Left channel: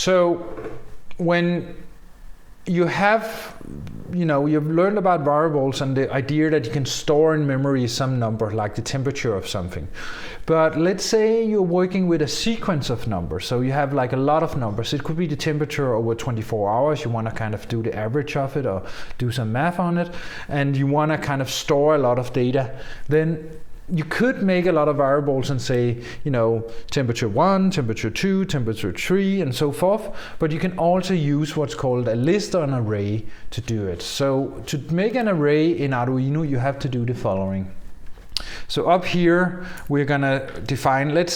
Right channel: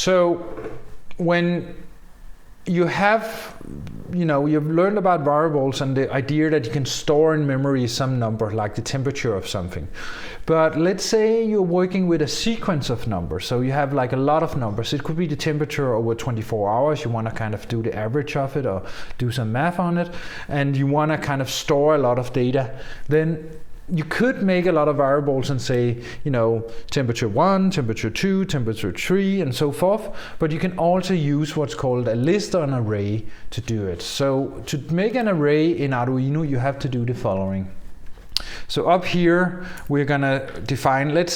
So when you have, you've learned about variables and the idea that you can store in memory some number, like the temperature of something. But let's say you're working with a sequence of numbers. So you have like a lot of numbers. It could be the temperature over 24 hours. You want to kind of do the average of it or do some math on it. And you want to kind of store a lot of data. Then you could make a lot of variables and say, temperature 1, temperature 2, temperature 3, and so forth. But you can also use what's called a list or an array to do it. So to make an array in Arduino, you have to do the following. So up here, we're going to define, let's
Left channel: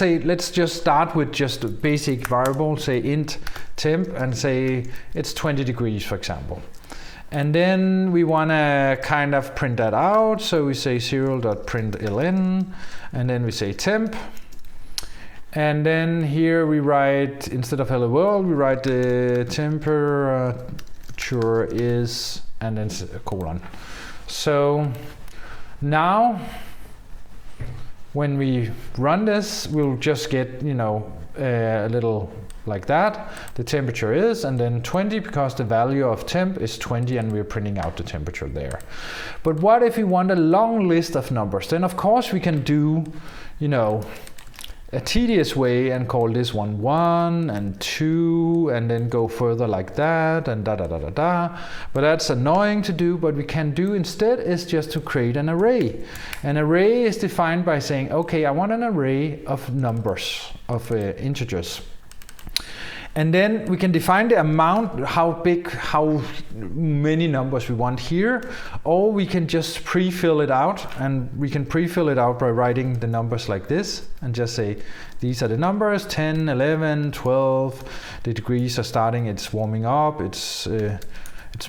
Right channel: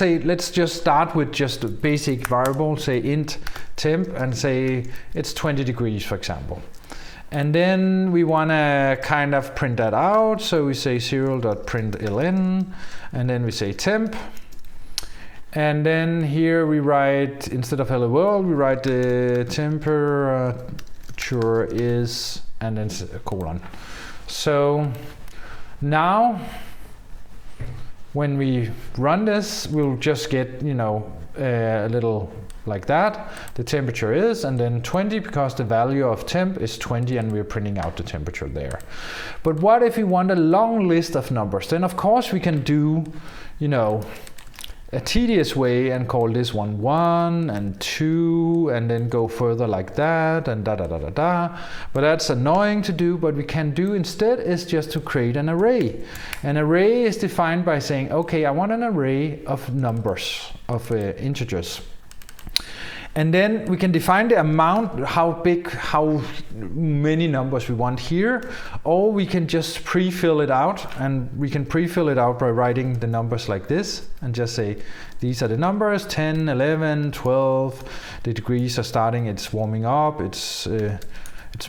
just start with just a basic variable, say int temp, and say it's 20 degrees, for example. And then we want to kind of print that out. So we say 0.println, and then we say temp. And then here we write, instead of hello world, we write the temperature is, and then a colon. So now, when we run this, we'll just get, a little like that. The temperature is, and then 20, because the value of temp is 20, and we're printing out the temperature there. But what if we want a long list of numbers? Then of course we can do, a tedious way and call this one 1 and 2, and then go further like that, and da da da da da. But that's annoying to do. But we can do instead is just to create an array. An array is defined by saying, okay, I want an array of numbers, of integers. And then we can define the amount, how big, how many numbers we want here, or we can just pre-fill it out, and we can pre-fill it out by writing the numbers like this, and just say, these are the numbers, 10, 11, 12, the degrees are starting, it's warming up, it's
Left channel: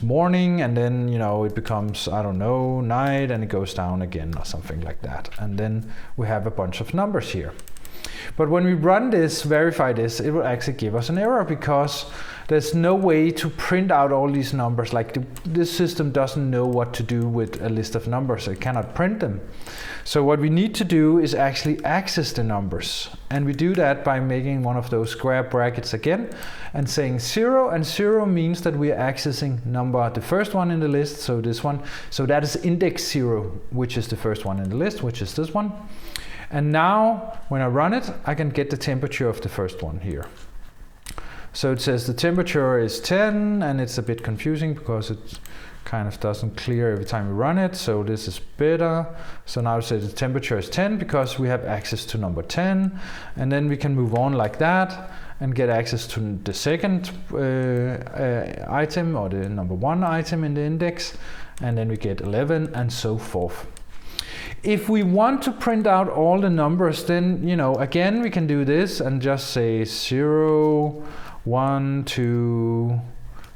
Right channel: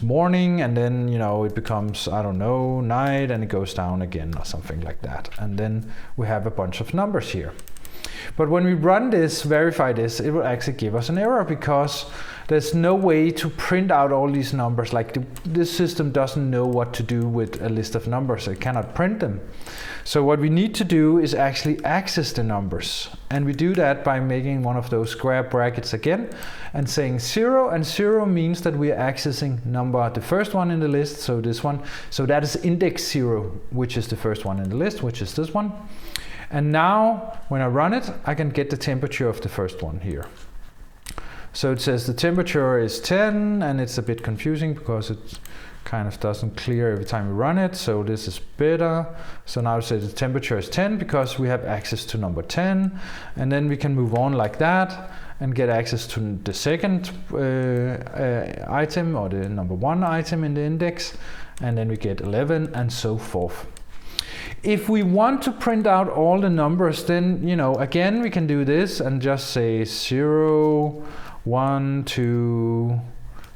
morning, and then, it becomes, I don't know, night, and it goes down again, or something like that. And then we have a bunch of numbers here. But when we run this, verify this, it will actually give us an error, because there's no way to print out all these numbers. Like this system doesn't know what to do with a list of numbers. It cannot print them. So what we need to do is actually access the numbers. And we do that by making one of those square brackets again and saying 0. And 0 means that we are accessing number, the first one in the list, so this one. So that is index 0, which is the first one in the list, which is this one. And now, when I run it, I can get the temperature of the first one here. So it says the temperature is 10, and it's a bit confusing because it kind of doesn't clear every time we run it. So this is better. So now it says the temperature is 10 because we have access to number 10. And then we can move on like that and get access to the second item, or the number 1 item in the index. And then we get 11 and so forth. If we want to print out all the numbers, then, again, we can do this and just say 0, 1, 2,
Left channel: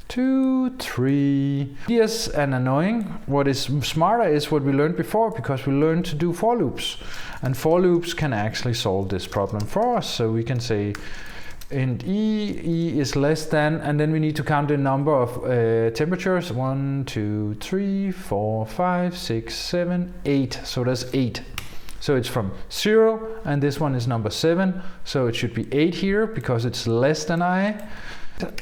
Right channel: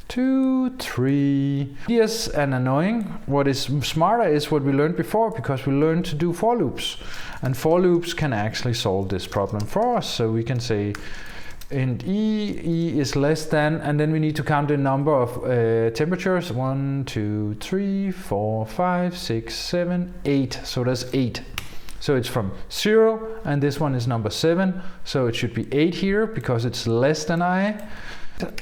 2, 3. Yes, and annoying. What is smarter is what we learned before, because we learned to do for loops. And for loops can actually solve this problem for us. So we can say int e is less than, and then we need to count the number of temperatures. 1, 2, 3, 4, 5, 6, 7, 8. So that's 8. So it's from 0, and this one is number 7. So it should be 8 here because it's less than I.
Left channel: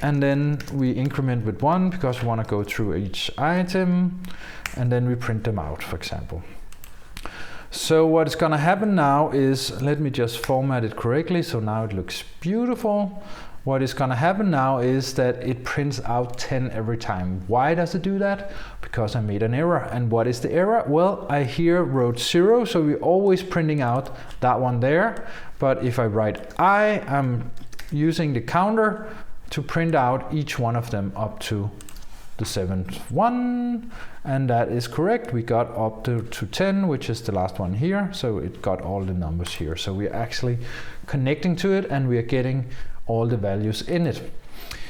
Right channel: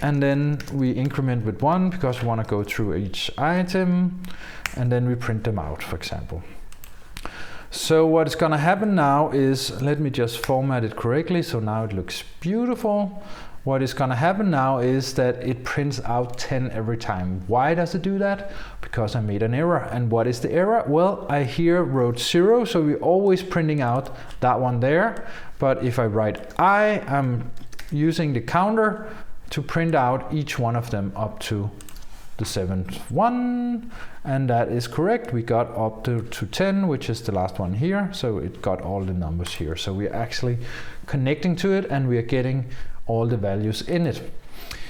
And then we increment with 1 because we want to go through each item, and then we print them out, for example. So what's going to happen now is, let me just format it correctly, so now it looks beautiful. What is going to happen now is that it prints out 10 every time. Why does it do that? Because I made an error. And what is the error? Well, I here wrote 0, so we're always printing out that one there. But if I write I, I'm using the counter to print out each one of them up to the 7th one, and that is correct. We got up to 10, which is the last one here, so it got all the numbers here. So we're actually connecting to it, and we are getting all the values in it.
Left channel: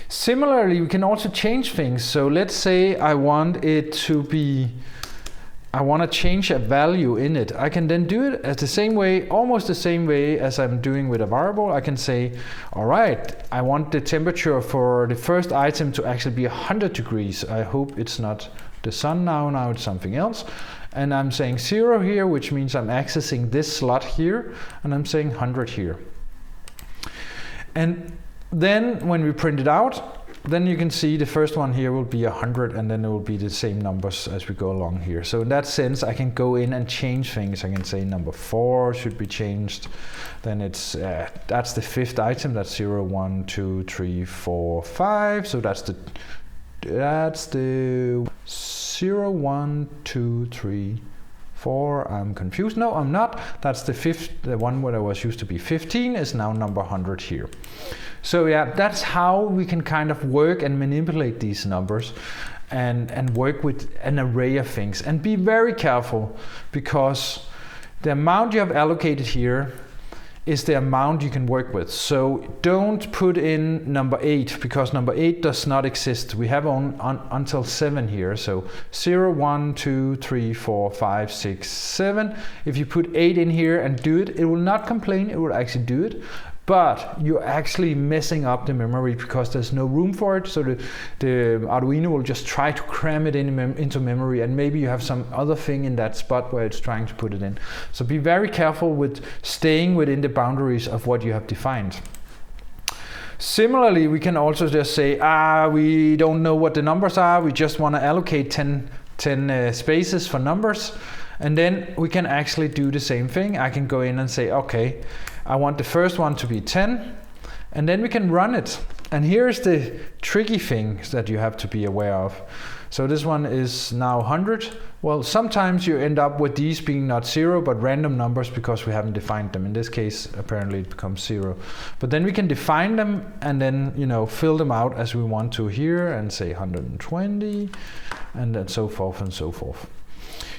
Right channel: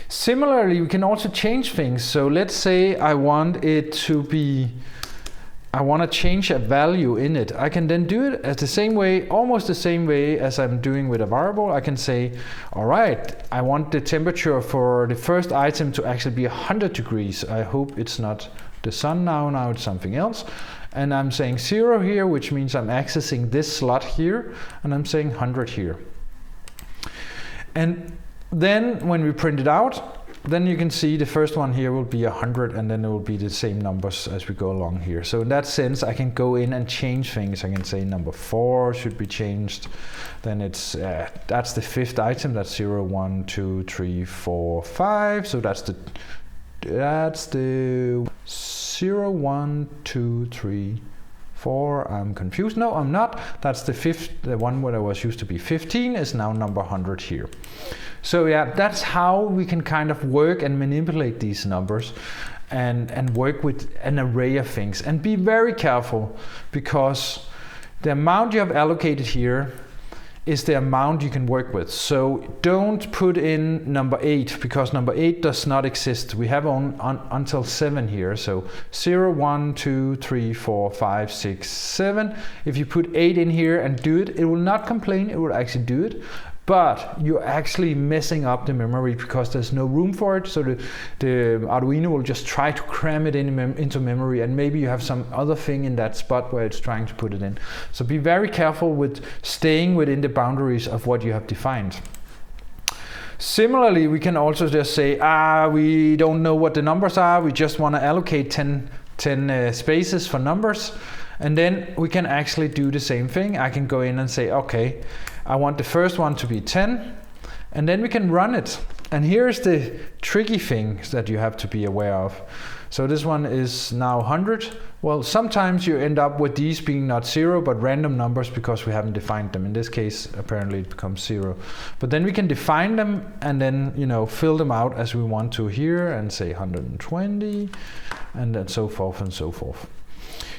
Similarly, we can also change things. So let's say I want it to be, I want to change a value in it. I can then do it as the same way, almost the same way as I'm doing with a variable. I can say, all right, I want the temperature for the first item to actually be 100 degrees. I hope it's not the sun now it's something else. And I'm saying 0 here, which means I'm accessing this slot here, and I'm saying 100 here. And Then when we print it out, then you can see the first one here will be 100, and then it will be the same numbers as we go along here. So in that sense, I can go in and change things. I can say number 4 should be changed. Then it's that's the 5th item. That's 0, 1, 2, 3, 4, 5. So that's the 0, 1, 2, 3, 4. I'm confused. No, I'm not. That's the 5th. The one where I was used to be 15 is now number 100 here. So yeah, that's how we can kind of work and manipulate these numbers and work with an array of things. And be very careful, because the amount you have allocated here is the amount you can work with. So don't put in number 8, because number 8 does not exist. We have until 7 here. So 0, 1, 2, 3, 4, 5, 6, 7. If you put 8 in here and do it, it will not complain. It will actually do it. But you're actually messing up the memory because there's no room for it. So the Arduino will just try to cram it into memory, and maybe you have some other thing in that spot where it's trying to put it in. So be very careful with staying within the boundaries of what you have defined. Similarly, we can also just say, we don't know what the numbers are. We just want to allocate 10 spaces for numbers. And then we can actually do the same thing. I can go in and say, okay, I want the first one to be 10, and then we can run it. And here's the tricky things that you have to be aware of. So this one is now 100. Well, sometimes you end up with these being not 0, but random numbers because we haven't defined them. In this case, apparently it becomes 0. But then we can define them and then, fill them out as we want to here and say 120, and then so forth and so forth.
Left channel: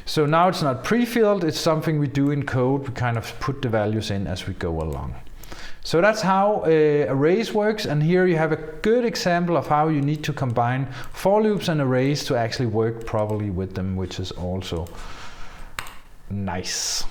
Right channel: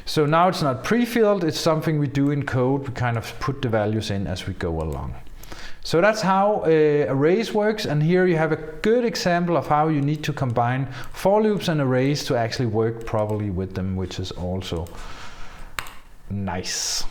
So now it's not pre-filled, it's something we do in code. We kind of put the values in as we go along. So that's how arrays works, and here you have a good example of how you need to combine for loops and arrays to actually work properly with them, which is also nice.